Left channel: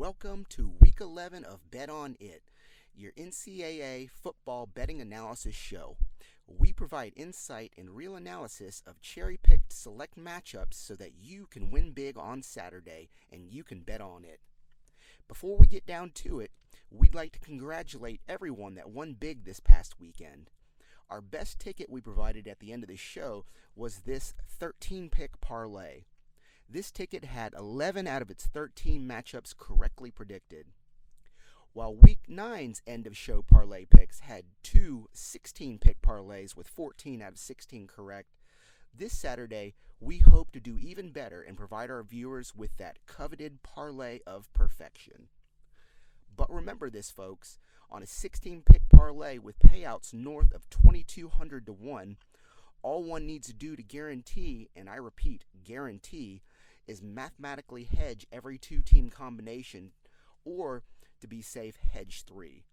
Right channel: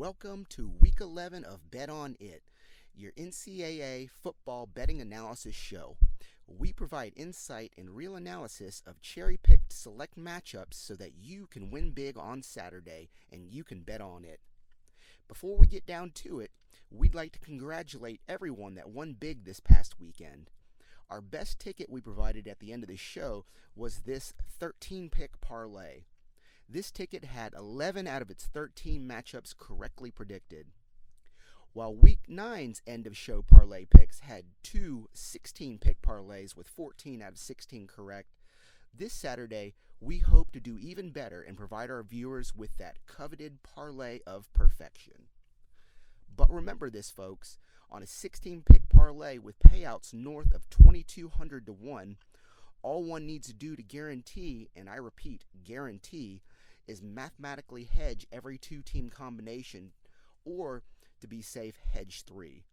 Welcome to Week 11 of Bet On It, your NCAA football betting analysis show. We provide insight and real analysis of cherry-picked select matchups so that you can win big on Saturday and you can bet on it. Before we get down to it, we'd like to congratulate everyone that won big this past weekend. Our best ticket we provided at the end of the show was this 13-pick parlay. This ticket had 11 out of its 13 matchups correctly predicted. While Week 9's end-of-show parlay picks had two 16-pick parlays with 14 out of 16 correct, this Saturday we hope to do even better and provide our viewers with that coveted parlay of perfection. But remember this, folks, on a 16-pick parlay with payouts north of 2,200 to 1, all one needs to do to guarantee, and I repeat, guarantee, is mathematically hedge every two-team combination, or, to be safe, hedge 3.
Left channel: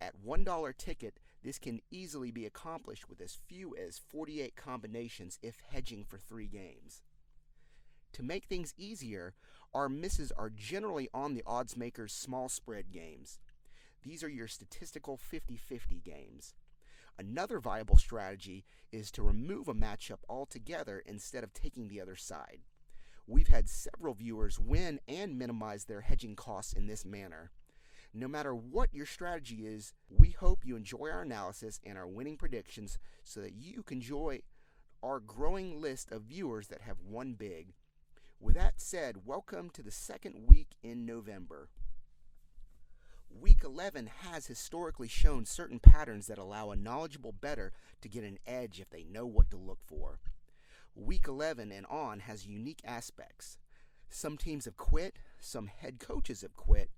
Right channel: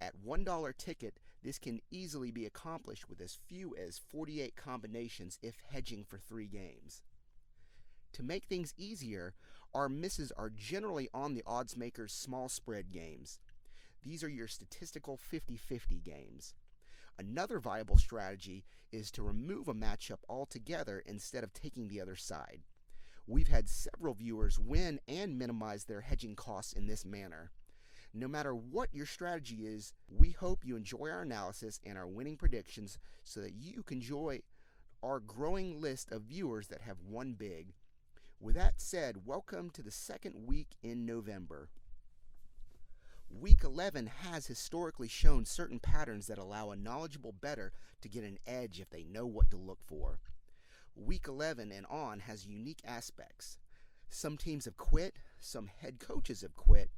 At $1 ticket, this can easily be accomplished with as few as 48 combinations if hedging for 3 games. To make things easier, our misses are generally on the odds makers' small spread games. These are your statistical 50-50 games. Another viable strategy is to remove a matchup altogether instead of taking the other side. We've had several viewers win and minimize their hedging costs in this manner. No matter what your strategy is, we hope you enjoy our analysis and our winning predictions so that you can enjoy our growing list of viewers that have won big. With that said, welcome to the second week in November. Week 11 has historically shown certain patterns that allow a knowledgeable bettor to get an edge if they know what to look for. Week 11 and on has unique aspects. Some teams have quit, some head coaches have quit,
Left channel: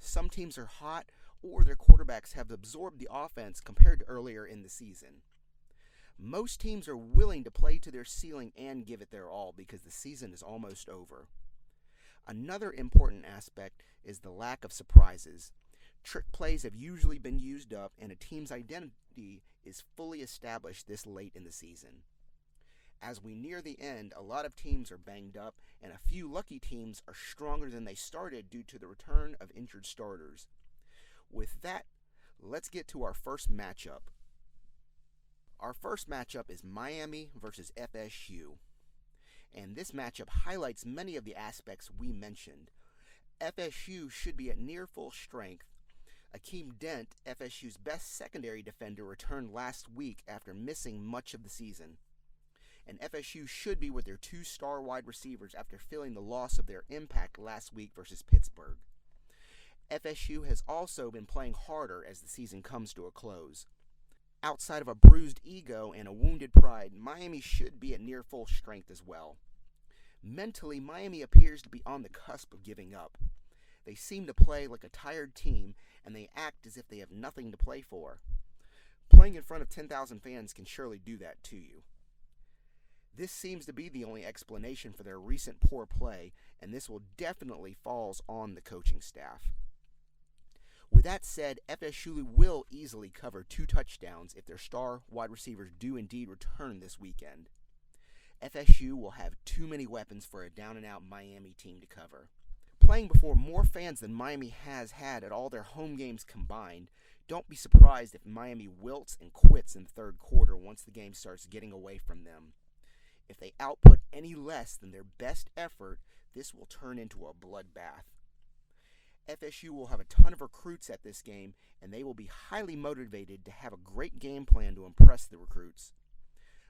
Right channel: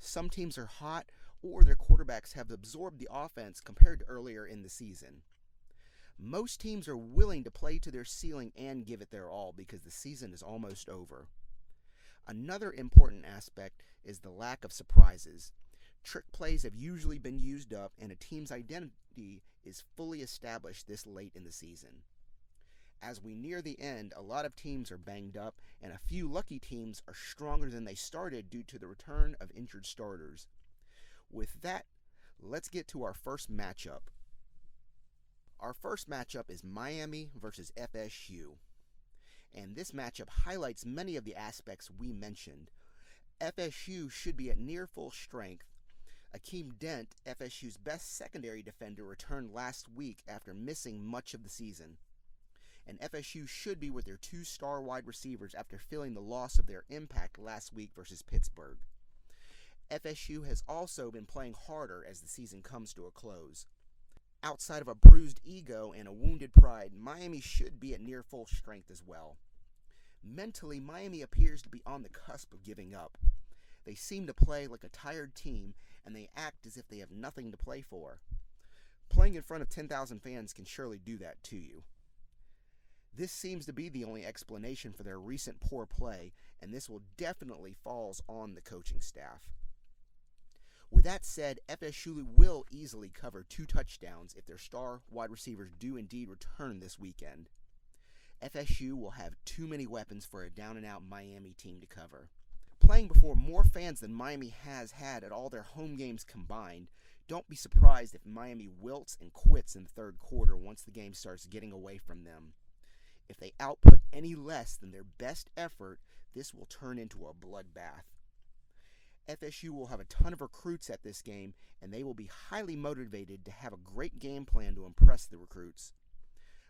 some teams are hot, or their quarterbacks have absorbed the offense compared to earlier in the season. Most teams are willing to play to their ceiling and give it their all because the season is almost over. Another important aspect is the lack of surprises. Trick plays have usually been used up, and a team's identity is fully established this late in the season. As we near the end, a lot of teams are banged up, and a few lucky teams are stronger than they started due to the return of injured starters. With that, let's get to our first matchup. Our first matchup is Miami versus FSU. And this matchup highlights many of the aspects we mentioned. FSU should be at near full strength. Akeem Dent, FSU's best secondary defender, returned last week after missing much of the season. And FSU should be with their 2 star wide receivers after feeling the loss of their impact last week versus Pittsburgh. FSU has also been playing harder as the season comes to a close. Outside of a bruised ego and a wounded pride, Miami should be at near full strength as well. Mentally, Miami appears to be on the cusp of giving up. They seem to play like a tired team, and they act as if they have nothing to play for. Playing in front of 10,000 fans can surely do that to you. This seems to be the only explanation for their recent poor play, and this will definitely falls on the coaching staff. With that said, FSU will easily cover 2 touchdowns if their star wide receivers do indeed return this weekend. FSU will have too many weapons for a down-and-out Miami team to cover. Playing before more fans than Miami has had at all their home games combined, don't be surprised if Miami wilts and quits in the third quarter once the game starts getting away from them. If they output any less than their best effort, this will turn into a bloodbath. FSU will have a ton of recruits at this game, and they will be highly motivated to have a great game plan to impress the recruits.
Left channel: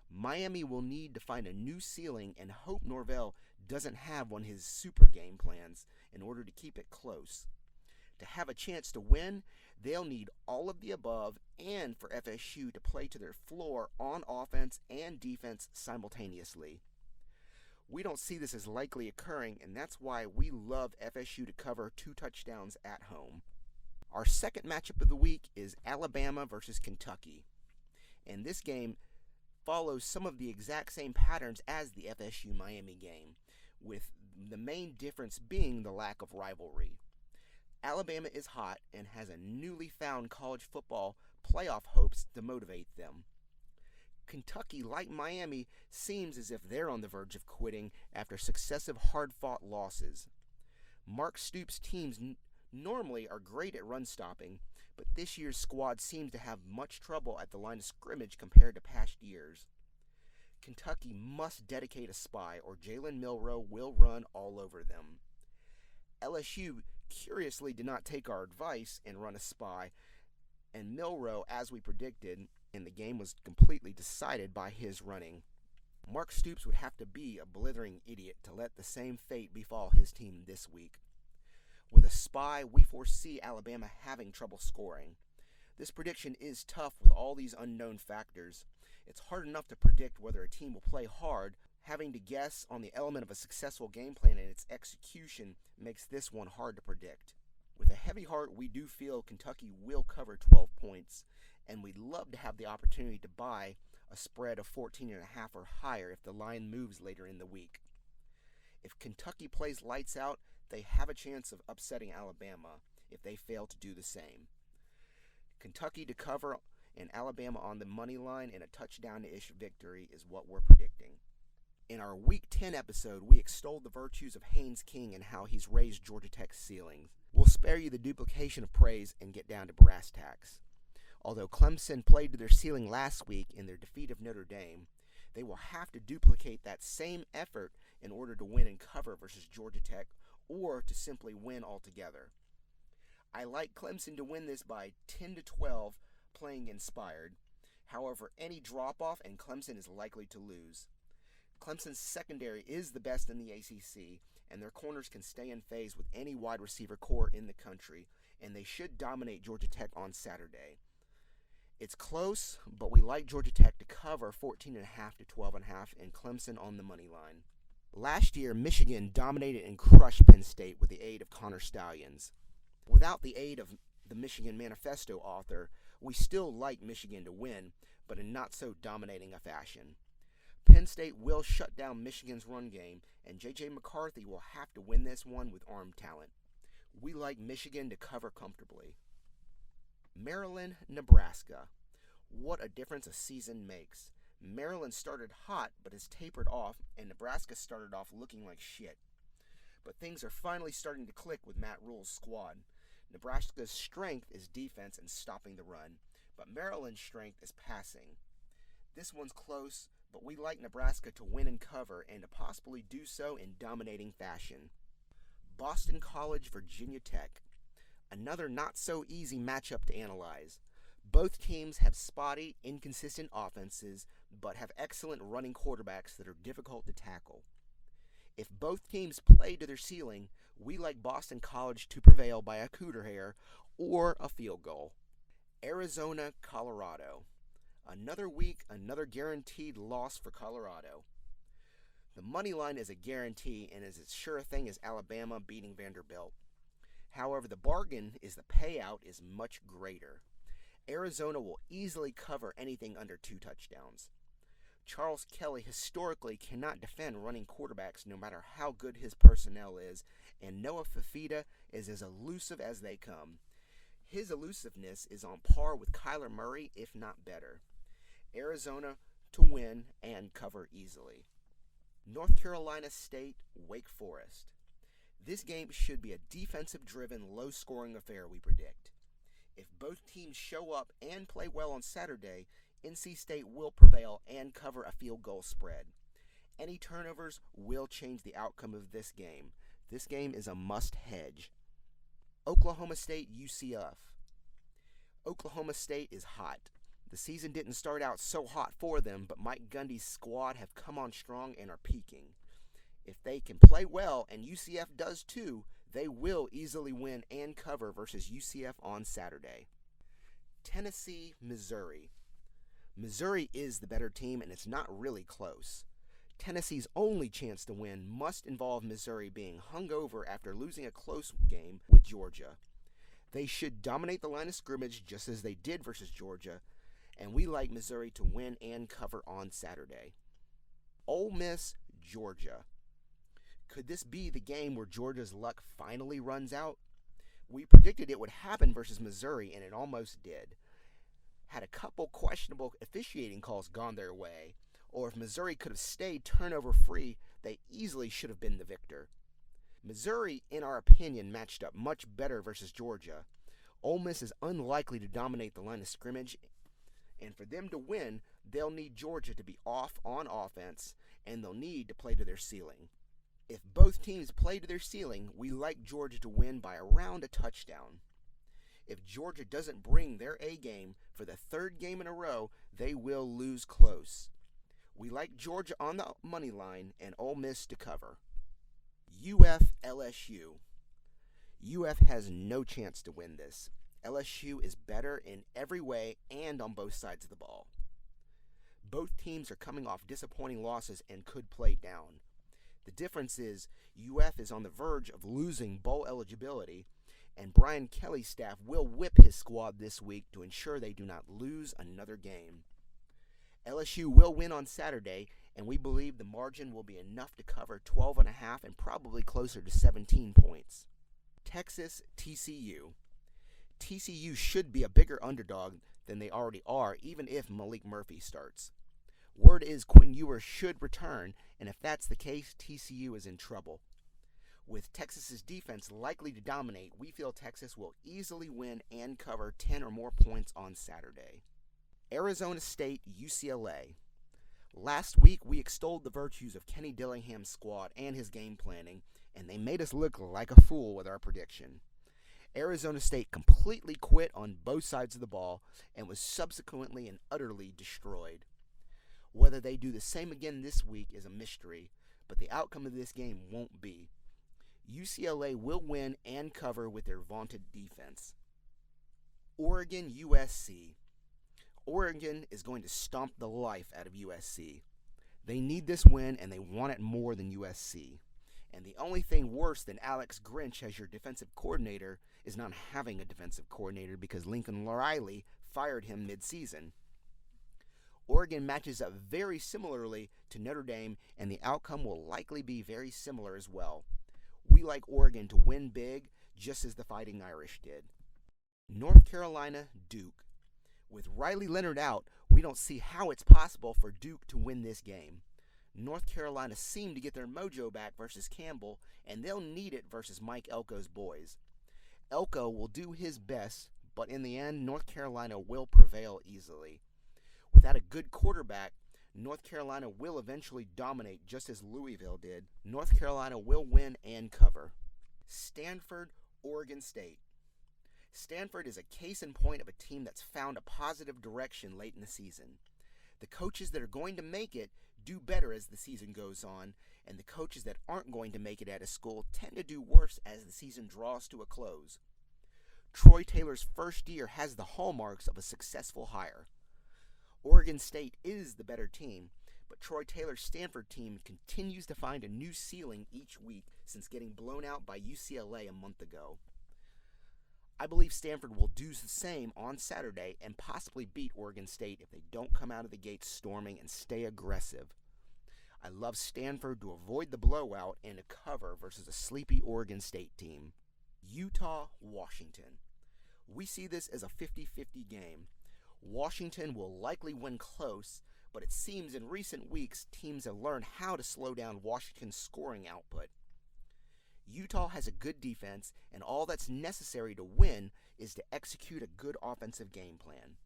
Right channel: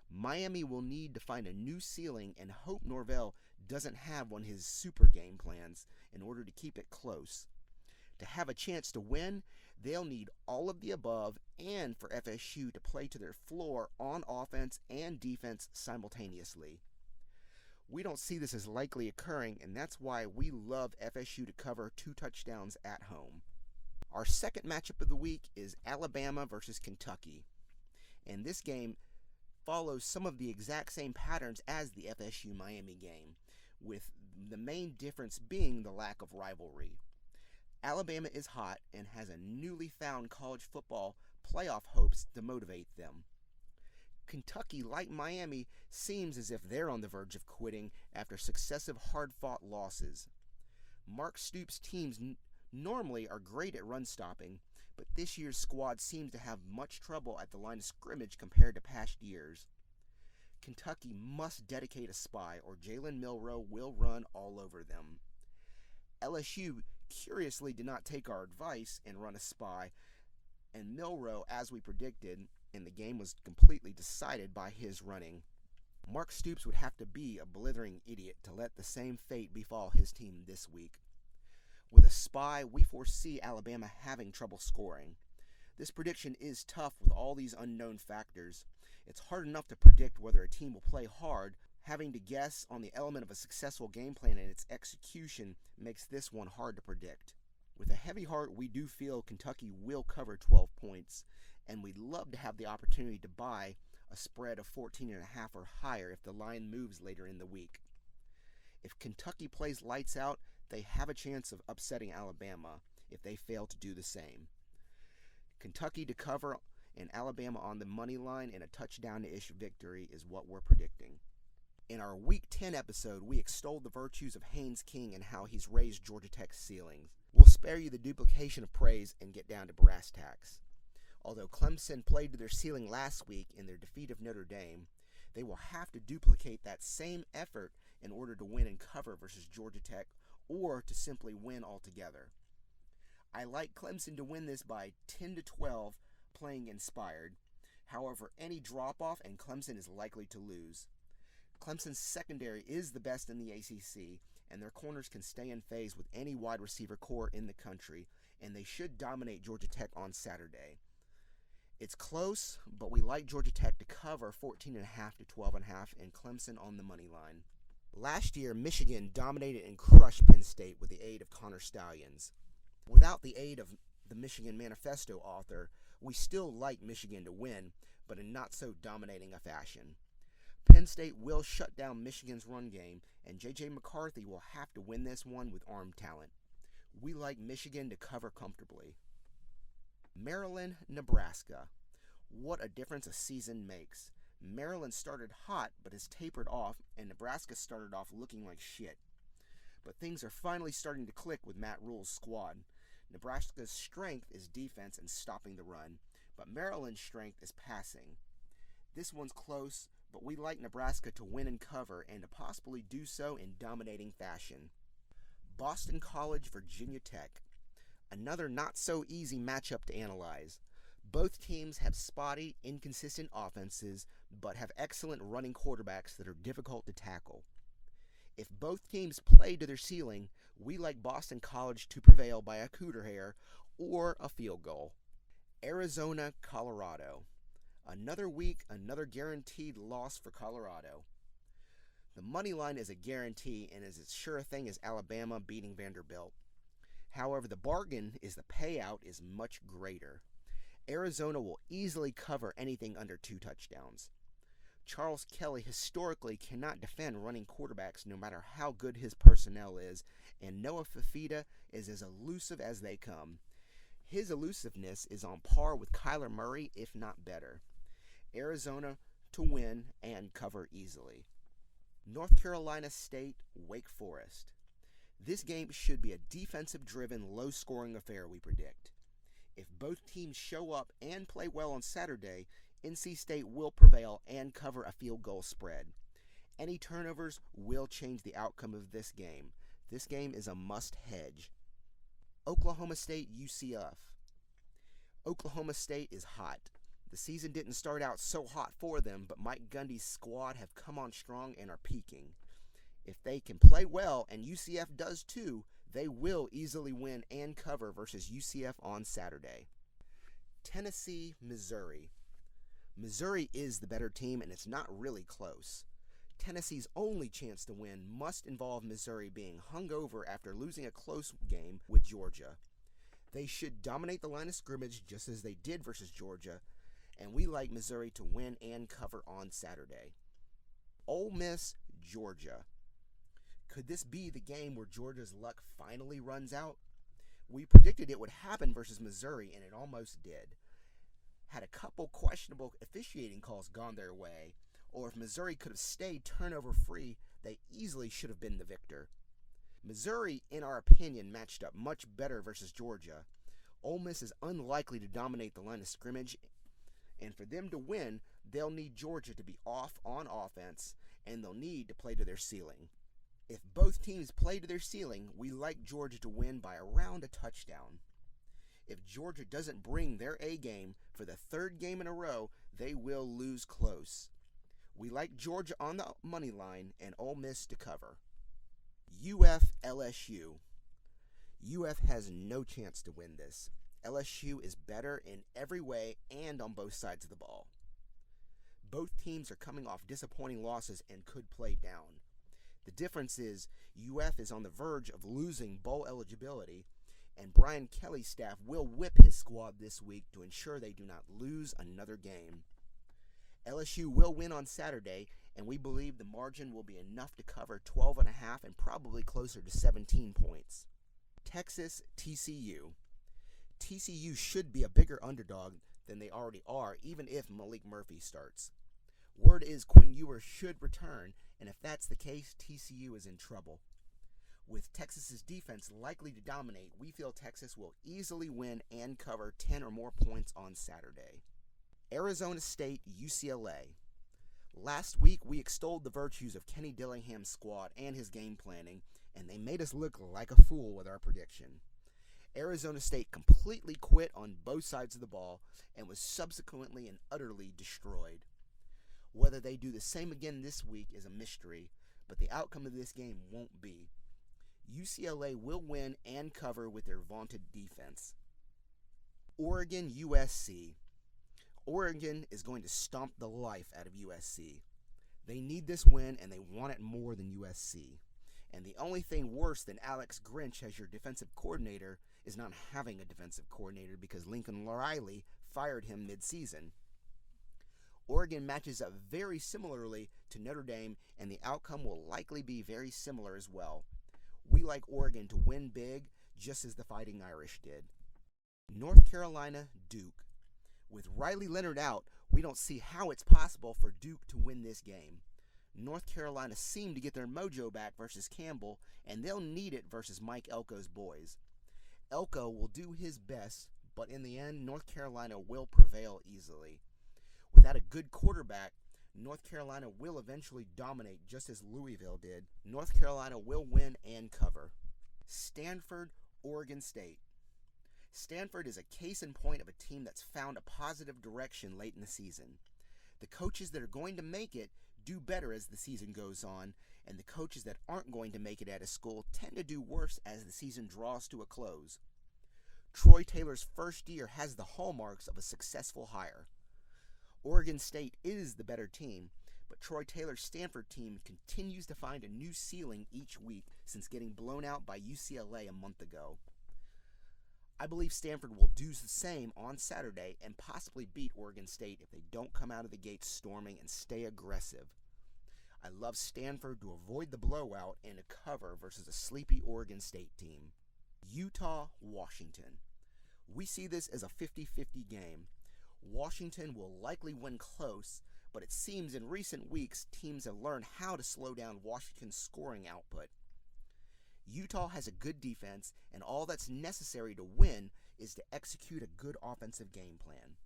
Miami will need to find a new ceiling and hope Norvell doesn't have one of his super game plans in order to keep it close. To have a chance to win, they'll need all of the above and for FSU to play to their floor on offense and defense simultaneously. We don't see this as likely occurring, and that's why we love FSU to cover 2 touchdowns at home. Our second matchup of the week is Alabama versus Kentucky. And this game follows some of the exact same patterns as the FSU-Miami game, with the main difference being the lack of rivalry. Alabama is hot and has a newly found college football playoff hopes to motivate them. Kentucky, like Miami, seems as if they're on the verge of quitting after successive hard-fought losses. Mark Stoops' teams normally are great at run stopping, but this year's squad seems to have much trouble at the line of scrimmage compared to past years. Kentucky must dedicate a spy or Jalen Milroe will run all over them. LSU curiously did not take our advice and run a spy, and Milroe, as we predicted, and the game was completely decided by his running. Mark Stoops would have to be a blithering idiot to let the same fate befall his team this week. With a spy, we foresee Alabama having trouble scoring. This prediction is tough with all these unknown factors. It's hard enough to predict whether a team will play hard. Having to guess on the element of a successful game plan and its execution makes this one hard to predict. With a heavy heart, we do feel Kentucky will cover 12 points, and we'd love to have the opportunity to buy a spread of 14.5 or higher if the line moves later in the week. If Kentucky plays lights out, they have a chance of upsetting Alabama if they fail to do the same. Kentucky to cover and Alabama on the money line and a touchdown-ish victory is what we're predicting. In our Week 10 episode, we extolled the virtues of Haynes King and how he's raised Georgia Tech's ceilings. We'll spare you the duplication of praise and get down to brass tacks. Although Clemson played to their ceiling last week in their defeat of Notre Dame, they will have to duplicate that same effort in order to win and cover versus Georgia Tech or to simply win altogether. I like Clemson to win this by 10-12 playing inspired. However, any drop-off and Clemson is likely to lose. Clemson's secondary is the best in the ACC, and their corners can stay in phase with any wide receiver core in the country, and they should dominate Georgia Tech on Saturday. It's close, but we like Georgia Tech to cover 14.5 to 12.5 and Clemson on the money line. Last year, Michigan dominated and crushed Penn State with the aid of Connor Stallions. Without the aid of the Michigan Manifesto author, we still like Michigan to win, but in not so dominating a fashion. Penn State will shut down Michigan's run game, and J.J. McCarthy will have to win this one with armed talent. We like Michigan to cover comfortably. Maryland, Nebraska. What a difference a season makes. Maryland started hot but has tapered off, and Nebraska started off looking like shit. But things are finally starting to click with Matt Rule's squad. Nebraska's strength is defense and stopping the run, but Maryland's strength is passing. This one's close, but we like Nebraska to win and cover and to possibly do so in dominating fashion. Boston College, Virginia Tech. Another not-so-easy matchup to analyze. Both teams have spotty, inconsistent offenses, but have excellent running quarterbacks that are difficult to tackle. If both teams play to their ceiling, we like Boston College to prevail by a cooter hair or a field goal. Arizona, Colorado. Another week, another guaranteed loss for Colorado. The money line is a guarantee and is as sure a thing as Alabama beating Vanderbilt. However, the bargain is the payout is much greater. Arizona will easily cover anything under 2 touchdowns. Charles Kelly historically cannot defend running quarterbacks no matter how good his personnel is, and Noah Fifita is as elusive as they come. His elusiveness is on par with Kyler Murray, if not better. Arizona to win and cover easily. North Carolina State, Wake Forest. This game should be a defensive-driven, low-scoring affair, we predict. If both teams show up and play well on Saturday, NC State will prevail and cover a field goal spread. Any turnovers will change the outcome of this game. This game is a must-hedge. Oklahoma State, UCF. Oklahoma State is hot. The season didn't start out so hot for them, but Mike Gundy's squad have come on strong and are peaking. If they can play well, and UCF does too, they will easily win and cover versus UCF on Saturday. Tennessee, Missouri. Missouri is the better team, and it's not really close. Tennessee's only chance to win must involve Missouri being hungover after losing a close game with Georgia. They should dominate the line of scrimmage just as they did versus Georgia, and we like Missouri to win and cover on Saturday. Ole Miss, Georgia. Could this be the game where Georgia's luck finally runs out? We predicted it would happen versus Missouri, and it almost did. Had a couple questionable officiating calls gone their way, or if Missouri could have stayed turnover-free, they easily should have been the victor. Missouri, in our opinion, matched up much better versus Georgia. Ole Miss is unlikely to dominate the line of scrimmage, and for them to win, they'll need Georgia to be off on offense, and they'll need to play to their ceiling. If both teams play to their ceiling, we like Georgia to win by around a touchdown. If Georgia doesn't bring their A game for the third game in a row, they will lose close. We like Georgia on the money line and Ole Miss to cover. UF LSU. UF has no chance to win this. LSU is better in every way and on both sides of the ball. Both teams are coming off disappointing losses and could play down. The difference is UF is on the verge of losing bowl eligibility, and Brian Kelly's staff will whip his squad this week to ensure they do not lose another game. LSU will win on Saturday, and we believe the margin will be enough to cover 12.5 and probably closer to 17 points. Texas TCU. TCU should be a bigger underdog than they already are, even if Malik Murphy starts. Word is Quentin Ewers should return, and if that's the case, TCU is in trouble. With Texas's defense likely to dominate, we feel Texas will easily win and cover 10 or more points on Saturday. Arizona State UCLA. Last week, we extolled the virtues of Kenny Dillingham's squad and his game planning, and they made us look like a fool with our prediction. Arizona State completely quit on both sides of the ball and was subsequently and utterly destroyed. Whether they do the same again this week is a mystery, but the outcome of this game won't be. UCLA will win and cover with their vaunted defense. Oregon USC. Oregon is going to stomp the life out of USC. They need this win and they want it more than USC. And the only thing worse than Alex Grinch as your defensive coordinator is not having a defensive coordinator because Lincoln Riley fired him mid-season. Oregon matches up very similarly to Notre Dame, and the outcome will likely be very similar as well. We like Oregon to win big, just as the Fighting Irish did. North Carolina Duke. With Riley Leonard out, we don't see how it's possible for Duke to win this game. North Carolina seemed to get their mojo back versus Campbell, and they'll need it versus Mike Elko's boys. Elko will do his best, but in the end, North Carolina will prevail easily. Without a good quarterback, North Carolina will eventually dominate just as Louisville did. North Carolina will win and cover. Stanford, Oregon State. Stanford is a case in point of a team that's found a positive direction late in the season. The coaches that are going to make it do better as the season goes on, and the coaches that aren't going to make it at a school tend to do worse as the season draws to a close. Troy Taylor's first year has the hallmarks of a successful hire. Oregon State is the better team, but Troy Taylor's Stanford team continues to find a new ceiling each week since getting blown out by UCLA a month ago. I believe Stanford will do the same on Saturday and possibly beat Oregon State if they don't come out of the gates storming and stay aggressive. I love Stanford to avoid the blowout and to cover versus a sleepy Oregon State team. Utah, Washington. We see this as a 50-50 game. Washington will likely win close, but it seems in recent weeks teams have learned how to slow down Washington's scoring output. Utah has a good defense, and all that's necessary to win is to execute a good offensive game plan.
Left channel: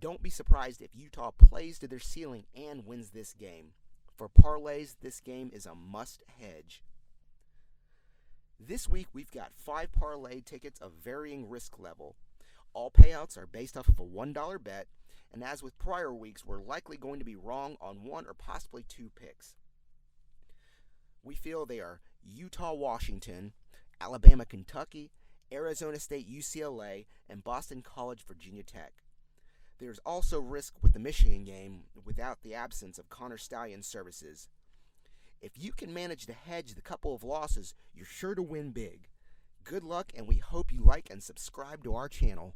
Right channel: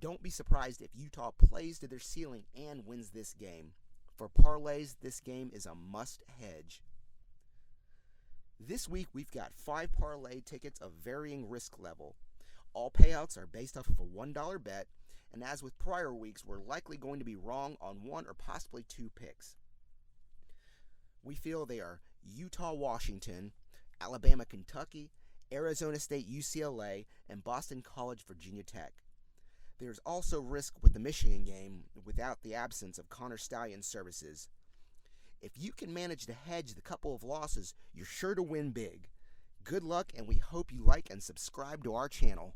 Don't be surprised if Utah plays to their ceiling and wins this game. For parlays, this game is a must hedge. This week we've got 5 parlay tickets of varying risk level. All payouts are based off of a $1 bet, and as with prior weeks, we're likely going to be wrong on 1 or possibly 2 picks. We feel they are Utah, Washington, Alabama, Kentucky, Arizona State, UCLA, and Boston College, Virginia Tech. There's also risk with the Michigan game without the absence of Connor Stalions' services. If you can manage to hedge the couple of losses, you're sure to win big. Good luck, and we hope you like and subscribe to our channel.